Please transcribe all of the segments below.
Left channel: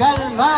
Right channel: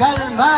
kalma.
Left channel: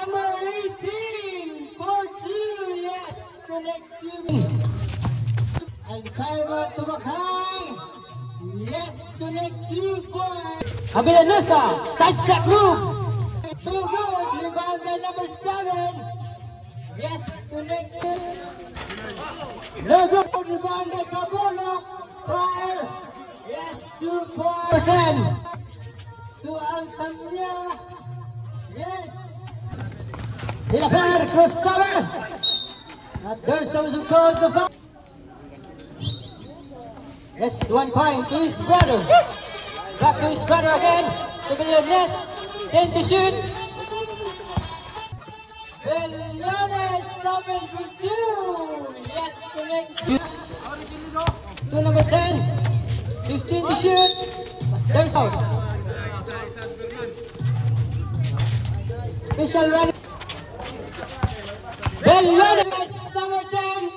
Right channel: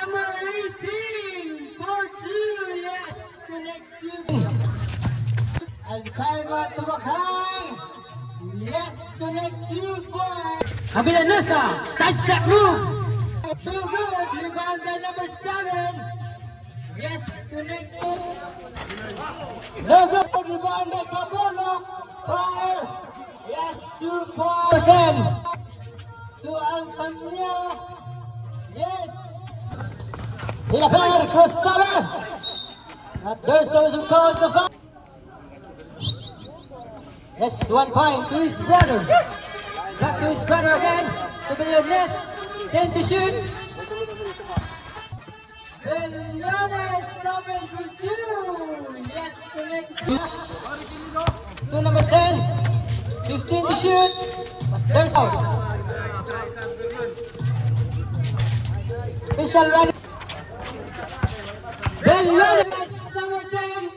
Number 18 for 2. Yes, connect to me. And timer to Mackay. Yes, connect 2 points. Abellanusa, sidestep move. So good. Rebound by number 7. Yes, connect 2. No good. Rebound by Kabulo. Fire. Yes, 2 points. 10. To Antonio. Yes. Pilaper, Crossover. And there's those who calls the foul. Yes, 1 point to his brother. Back to his brother again. To Villanes. Then to shoot. Villanes, 7 for 2. Yes, connect. To number 10. 15 to shoot. But there's out. Official running. Villanes, number 10.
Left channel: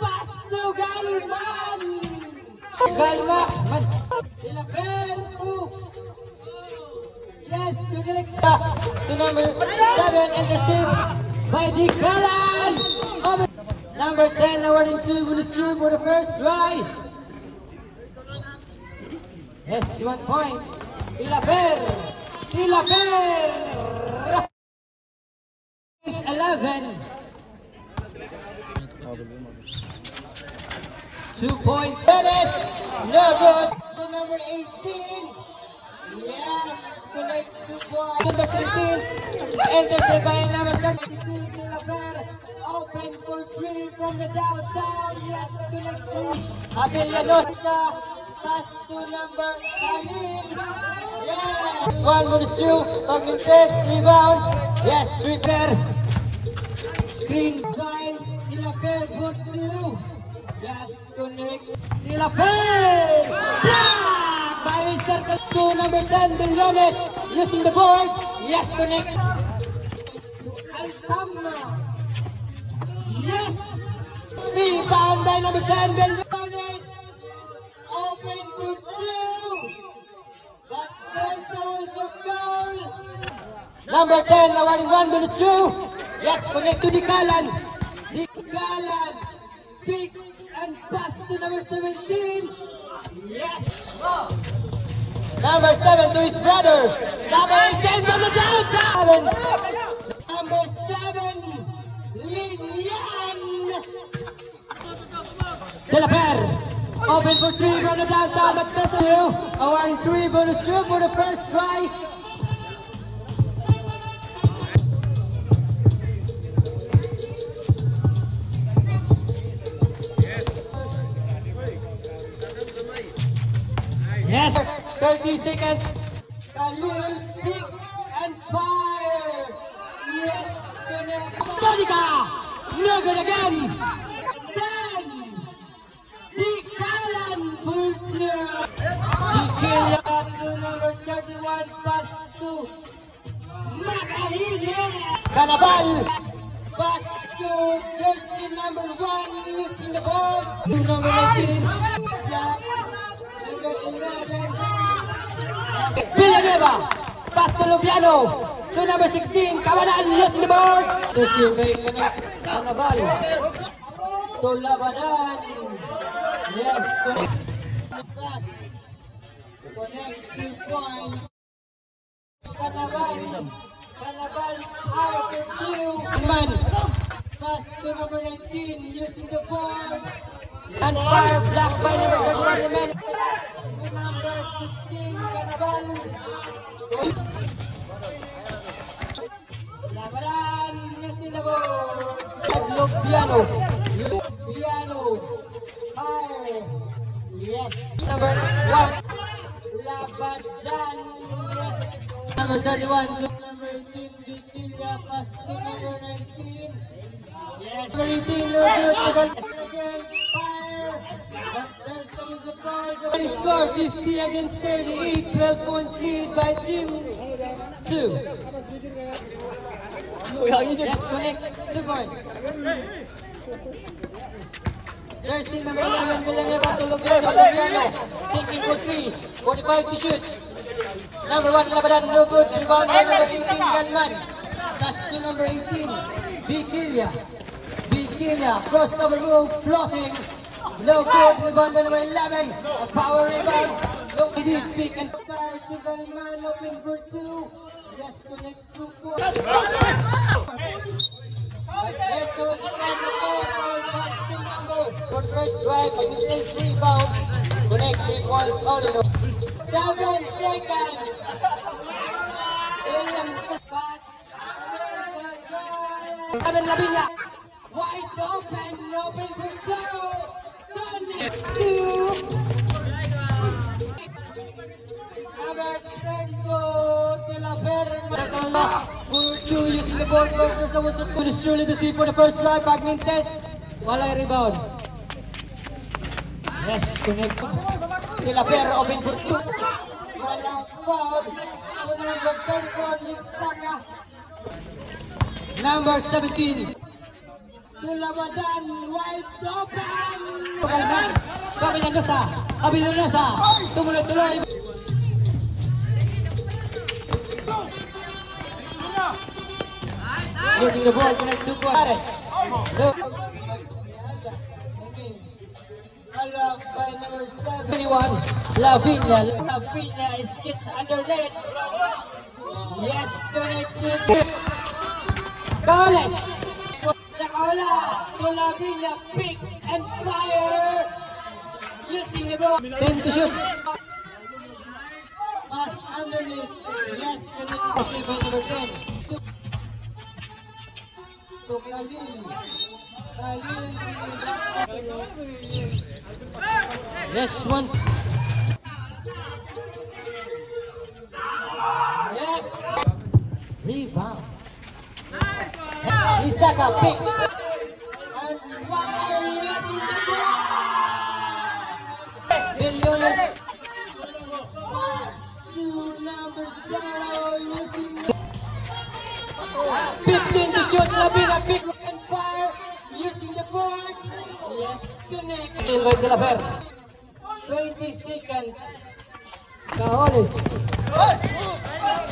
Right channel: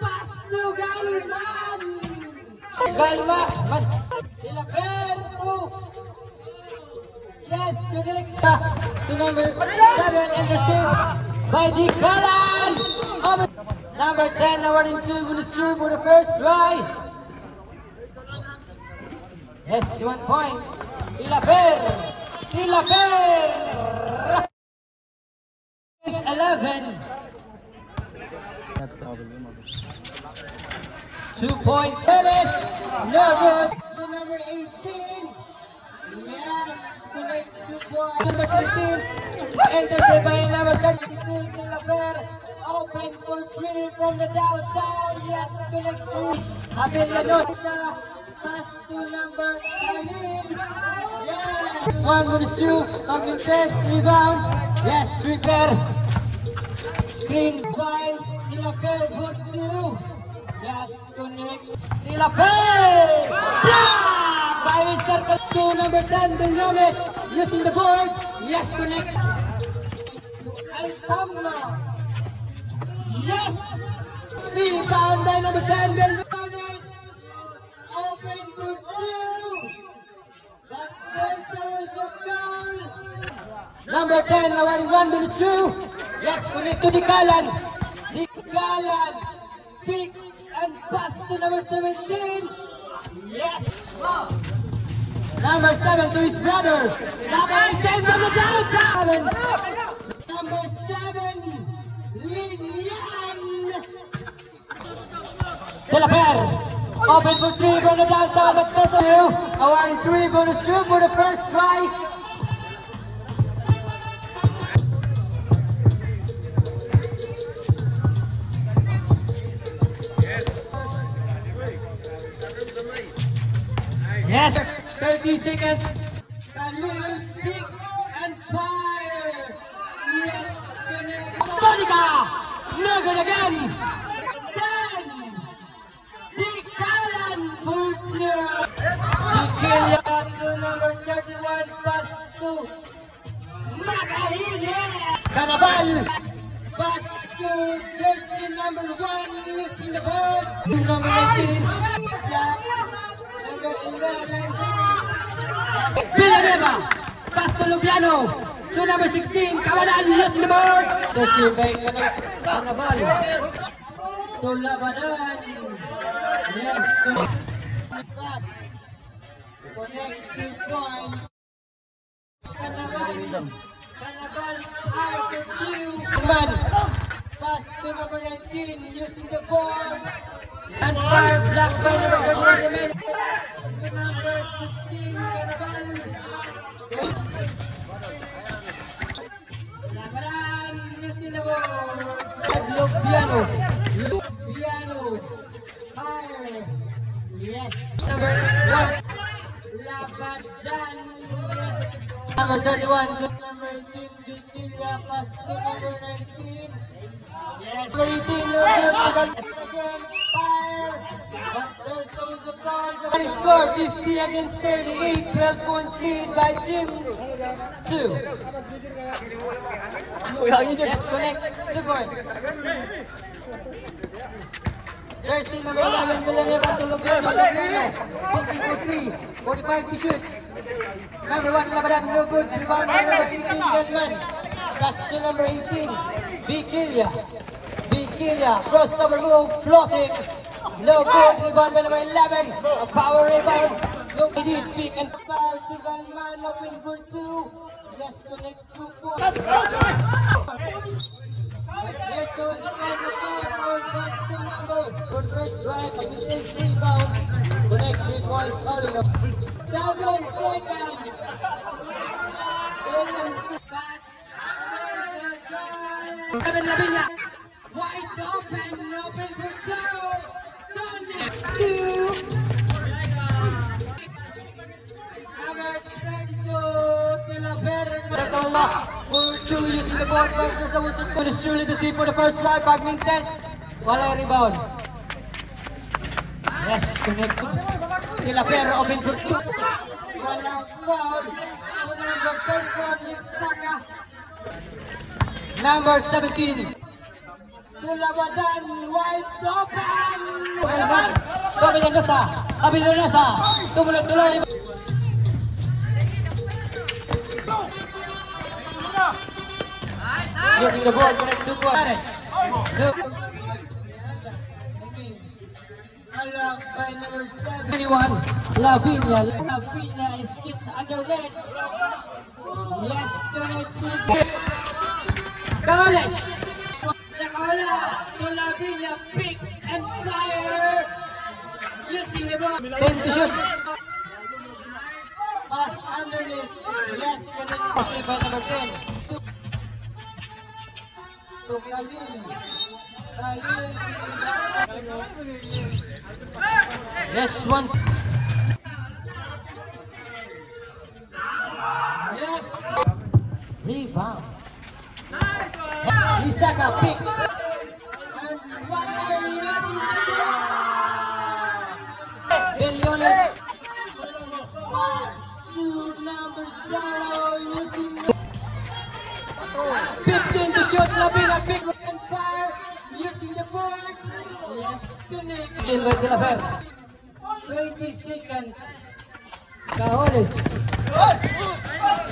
Pass to Galvan. Galvan. Yes, correct. So number 7 and received by Dikalan. Number 10 awarding to Munisru for the first try. Yes, 1 point. Ilaper. 11. 2 points. Dennis, no good. So number 18. Yes, connect 2 points. Number 13. Intercept by number 32. Tilaper. Open for 3 from the downtown. Yes, connect 2. Abellanusa. Pass to number 13. Yes. 1 goes through. Magmintes. Rebound. Yes, Tripper. Screen by Tilaper. Good 2. Yes, connect. Tilaper! Block by Mr. Kalto, number 10, Villanes, using the board. Yes, connect. Altamna. Yes! Rebound by number 10, Villanes. Open to 2. But there's always a goal. Number 10, awarding 1 minute through. Yes, connect to Dikalan. Dikalan. Pick and pass to number 17. Yes. Number 7 to his brother. Number 10 from the downtown. Number 7, Linian. Tilaper. Open for 3 from the downtown, but that's a new. Awarding 3 bonus shoot for the first try. Yes, 30 seconds. Khalil, pick and fire. Yes, Monica, no good again. 10. Dikalan pulls through. Dikalan to number 31, pass to Makahine. Carabal, pass to jersey number 1, using the ball. To number 19, Villanueva, pass to Lubiano, to number 16, Cabanal, using the board. Receive by Carabal, to Labanan. Yes, pass, connect 3 points. Carabal, out to 2. Pass to number 19, using the board. And fire block by number 21, number 16, Carabal. Labaran, using the ball. Lubiano, fire. Yes. Number 1, Labadan. Yes. Number 31, number 18, Vitilia, pass to number 19. Yes. Number 18, score 50 against 38, 12 points lead by Team 2. Yes, connect, 2 points. Jersey number 11, Villanueva, Tulubiano, taking for 3, 45 to shoot. Number 1, Labaran, no good. Rebound by number 18, Gunman. Pass to number 18, Bikilia. Bikilia, crossover move, floating. No good. Rebound by number 11, a power rebound. No good. Pick and fire to Gunman, open for 2. Yes, connect 2 points. There's the for first drive, a mid-range rebound. Connect 3 points, Oliver. 7 seconds. Seven Lavinia. Wide open, open for 2. Connect 2. Number 32, De La Verga. For 2 using the board workers. That was good. It's surely to see for the first drive. 5-minute test. Wala rebound. Yes, connect. De La Verga open for 2. Walang foul. Number 34, Misaka. Number 17. Tulabadan, wide open. Abilionosa. Tumuloy-tuloy. Using the ball, connect 2 points. By number 71, Lavinia. Lavinia is gets under net. Yes, connected. Gales. Nakaula to Lavinia, pick and fire. Using the ball. 10 to shoot. Pass underneath. Yes, connected by number 10. Yes, one. Yes. Rebound. Misaka pick. And fire. Yes, in the ball. Biliones. Pass to number 0. Using 15 to shoot. Lavina pick and fire. Using the board. Yes, connect. By De La Verga. 20 seconds. Cajones.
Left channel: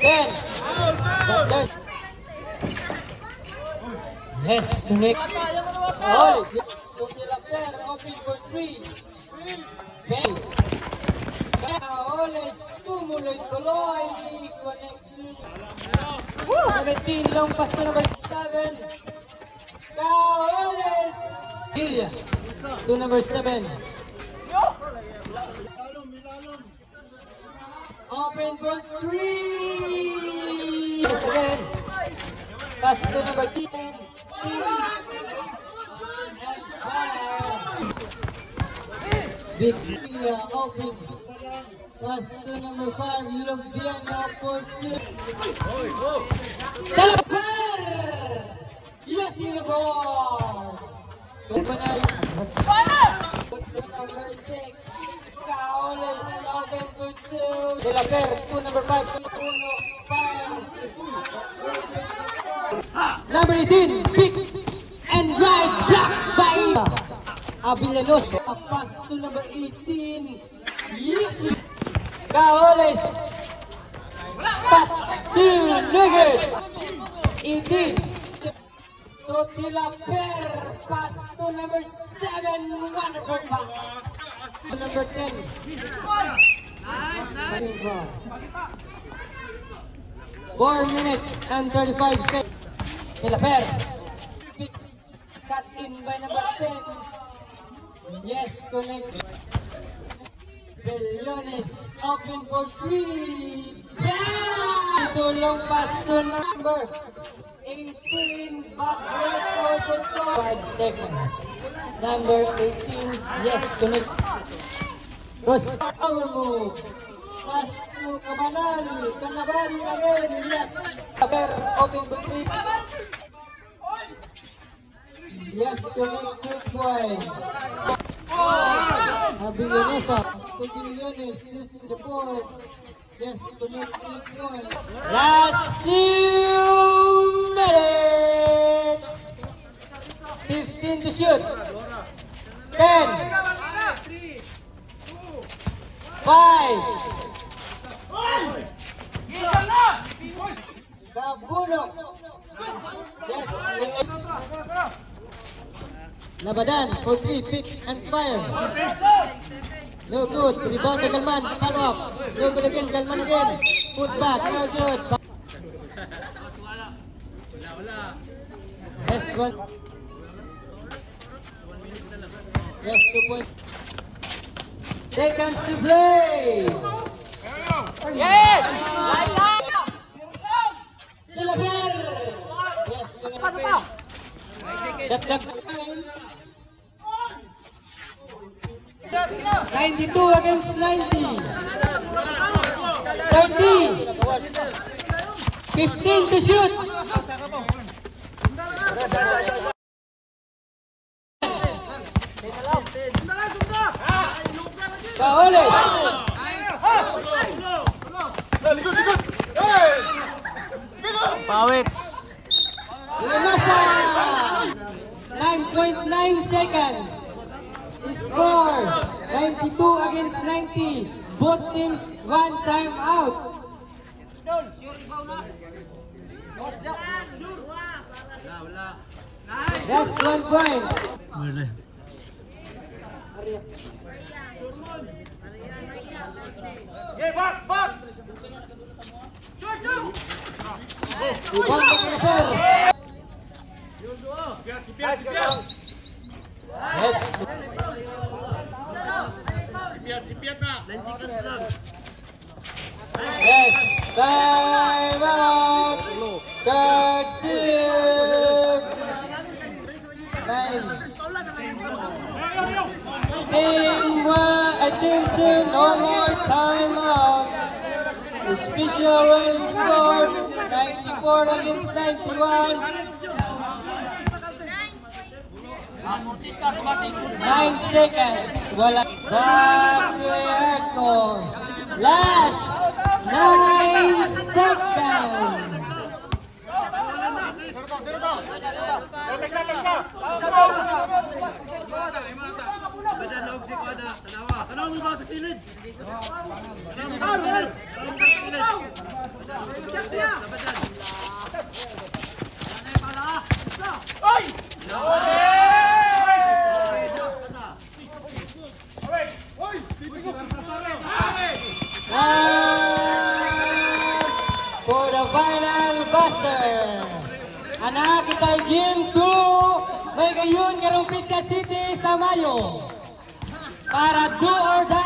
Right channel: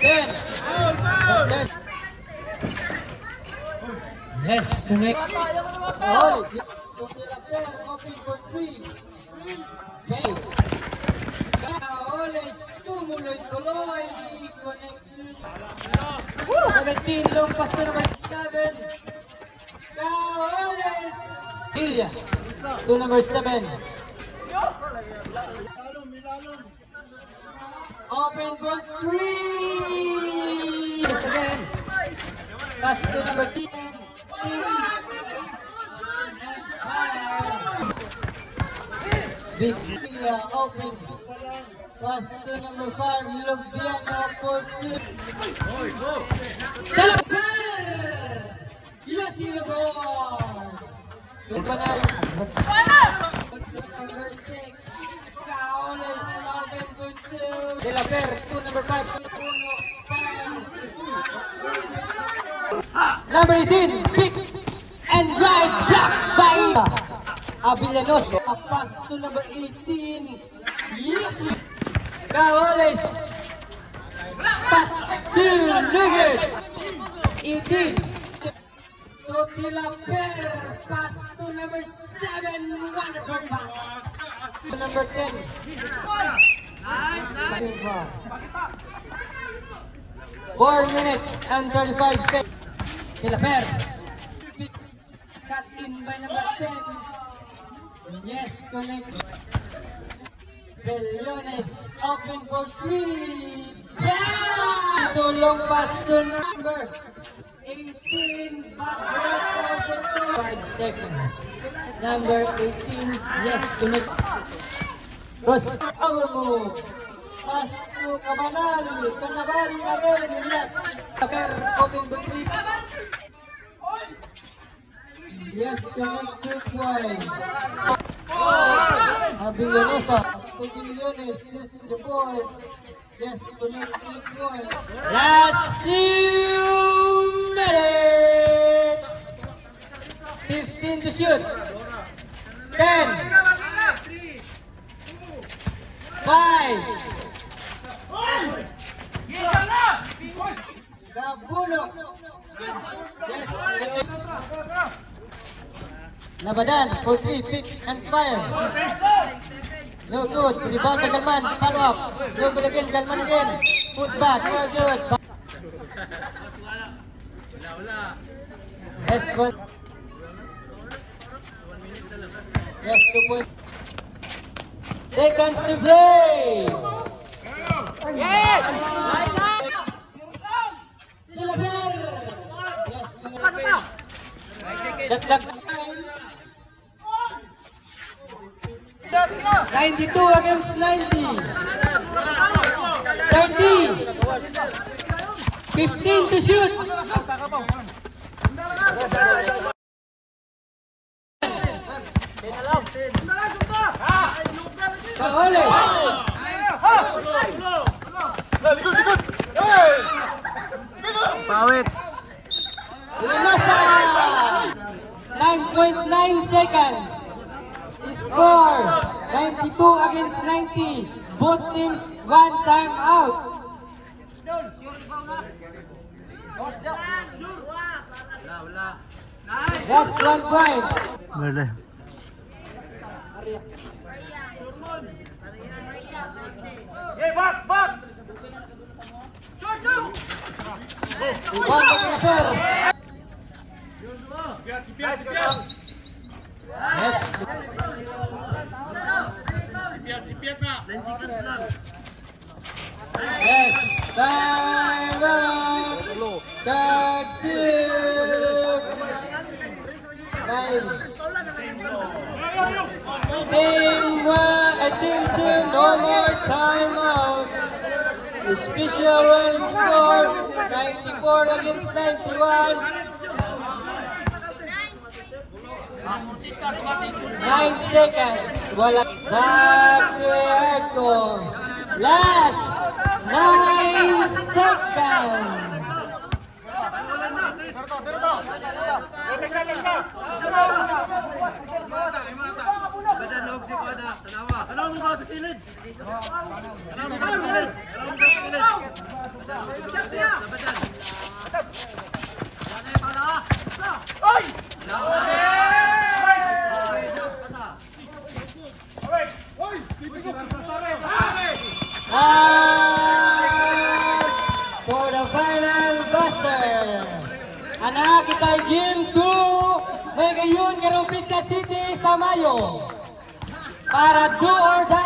10. Yes, connect. Cajones. De La Verga open for 3. Base. Cajones. Tumuloy-tuloy. Connected. 17. Long pass to number 7. Cajones. Silya. To number 7. Open for 3. Yes, again. Pass to number 10. Victoria open. Pass to number 5. Lubiano for 2. De La Verga. Yes, in the ball. Number 6. Cajones open for 2. De La Verga to number 5. Number 18, pick and drive, block by Villanueva. A pass to number 18. Yes, Cajones. Pass to Nugget. 18. To De La Verga. Pass to number 7. Wonderful pass. Number 10. 4 minutes and 35 seconds. De La Verga. Cut in by number 10. Yes, connect. Biliones open for 3. Bam! Ito long pass to number 18. Back also 5 seconds. Number 18. Yes, connect. Cross our move. Pass to Cabanal. Canaval again. Yes. De La Verga open for 3. Yes, connect 2 points. Villanueva. Biliones using the board. Yes, connect 2 points. Last 2 minutes. 15 to shoot. 10, 5, Gabulo. Yes, yes. Labanan for 3, pick and fire. No good. Rebound by Galman. Follow up. No good again. Galman again. Put back. No good. Yes, one. Yes, 2 points. Seconds to play. Yes. Dilagyan. Yes, shot clock. 92 against 90. 30. 15 to shoot. Paoles. Pawit. Nasa 9.9 seconds. Score 92 against 90. Both teams one time out. That's 1 point. Boleh. Yes. Yes. Time out. Third steal. 9. Team 2, no more timeout. The special running score 94 against 91. 9 seconds. Wala. Back to Erko. Last 9 seconds. For the final buster, anak kita game 2 may gayon karong Pizza City sa Mayo para do or die.